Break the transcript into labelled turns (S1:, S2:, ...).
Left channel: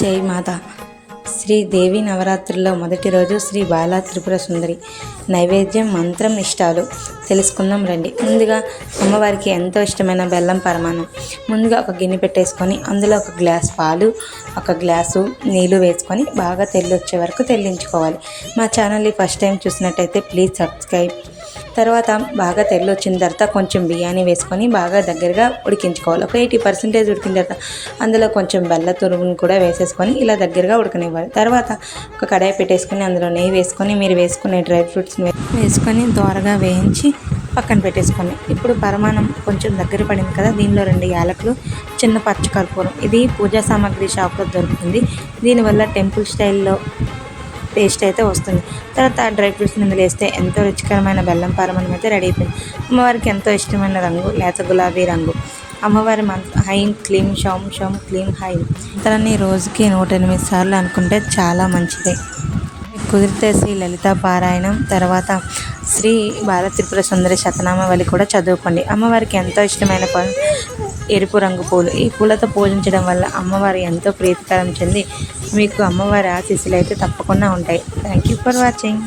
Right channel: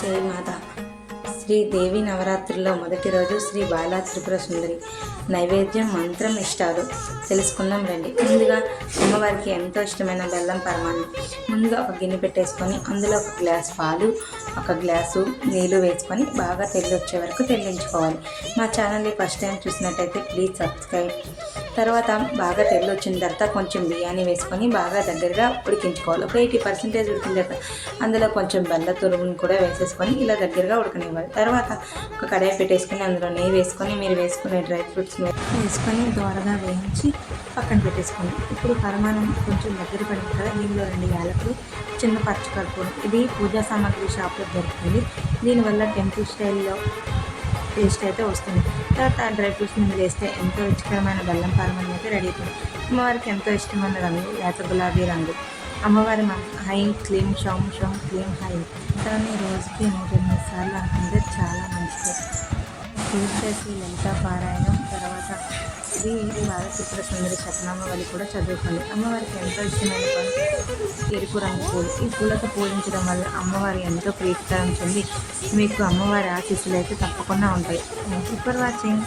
S1: జై మాత. శ్రీ దేవి నవరాత్రుల్లో మొదటి రోజు శ్రీ బాలా త్రిపుర సుందరి నైవేద్యం మంత్రం ఇష్టాలు తెలుసుకుందాం రండి. ముందుగా అమ్మవారికి ఎంతో ఇష్టమైన బెల్లం పరమాణం ముందుగా ఒక గిన్నె పెట్టేసుకొని అందులో ఒక గ్లాస్ పాలు ఒక గ్లాసు నీళ్ళు వేసుకొని బాగా తెల్లి వచ్చే వరకు తెల్లించుకోవాలి. మా ఛానల్ని ఫస్ట్ టైం చూసినట్టయితే ప్లీజ్ సబ్స్క్రైబ్ తర్వాత బాగా తెల్లి వచ్చిన తర్వాత కొంచెం బియ్యాన్ని వేసుకొని బాగా దగ్గరగా ఉడికించుకోవాలి. ఒక ఎయిటీ పర్సెంటేజ్ ఉడికిన తర్వాత అందులో కొంచెం బెల్ల తురుగును కూడా వేసేసుకొని ఇలా దగ్గరగా ఉడకనివ్వాలి. తర్వాత ఒక కడాయి పెట్టేసుకొని అందులో నెయ్యి వేసుకొని మీరు వేసుకునే డ్రై ఫ్రూట్స్ వేసుకొని దోరగా వేయించి పక్కన పెట్టేసుకోండి. ఇప్పుడు పరమాణం కొంచెం దగ్గర పడింది కదా దీనిలో రెండు యాలకులు చిన్న పచ్చకర్పూరం. ఇది పూజా సామాగ్రి షాప్లో దొరుకుతుంది. దీనివల్ల టెంపుల్ స్టైల్లో టేస్ట్ అయితే వస్తుంది. తర్వాత డ్రై ఫ్రూట్స్ ఇందులో వేస్తే ఎంతో రుచికరమైన బెల్లం పారమణం అయితే రెడీ అయిపోయింది. అమ్మవారికి ఎంతో ఇష్టమైన రంగు లేత గులాబీ రంగు. అమ్మవారి మంత్ర హైం క్లీం షౌం షౌం క్లీం హైం. మంత్రాన్ని రోజుకి నూట ఎనిమిది సార్లు అనుకుంటే చాలా మంచిది. కుదిరితే శ్రీ లలిత పారాయణం తర్వాత శ్రీ బాల త్రిపుర సుందరి శతనామావళి కూడా చదువుకోండి. అమ్మవారికి ఎంతో ఇష్టమైన ప ఎరుపు రంగు పూలు. ఈ పూలతో పూజించడం వల్ల అమ్మవారు ఎంతో ప్రీతికరం చెంది మీకు అమ్మవారి ఆశీస్సులు అయితే తప్పకుండా ఉంటాయి. Thank you for watching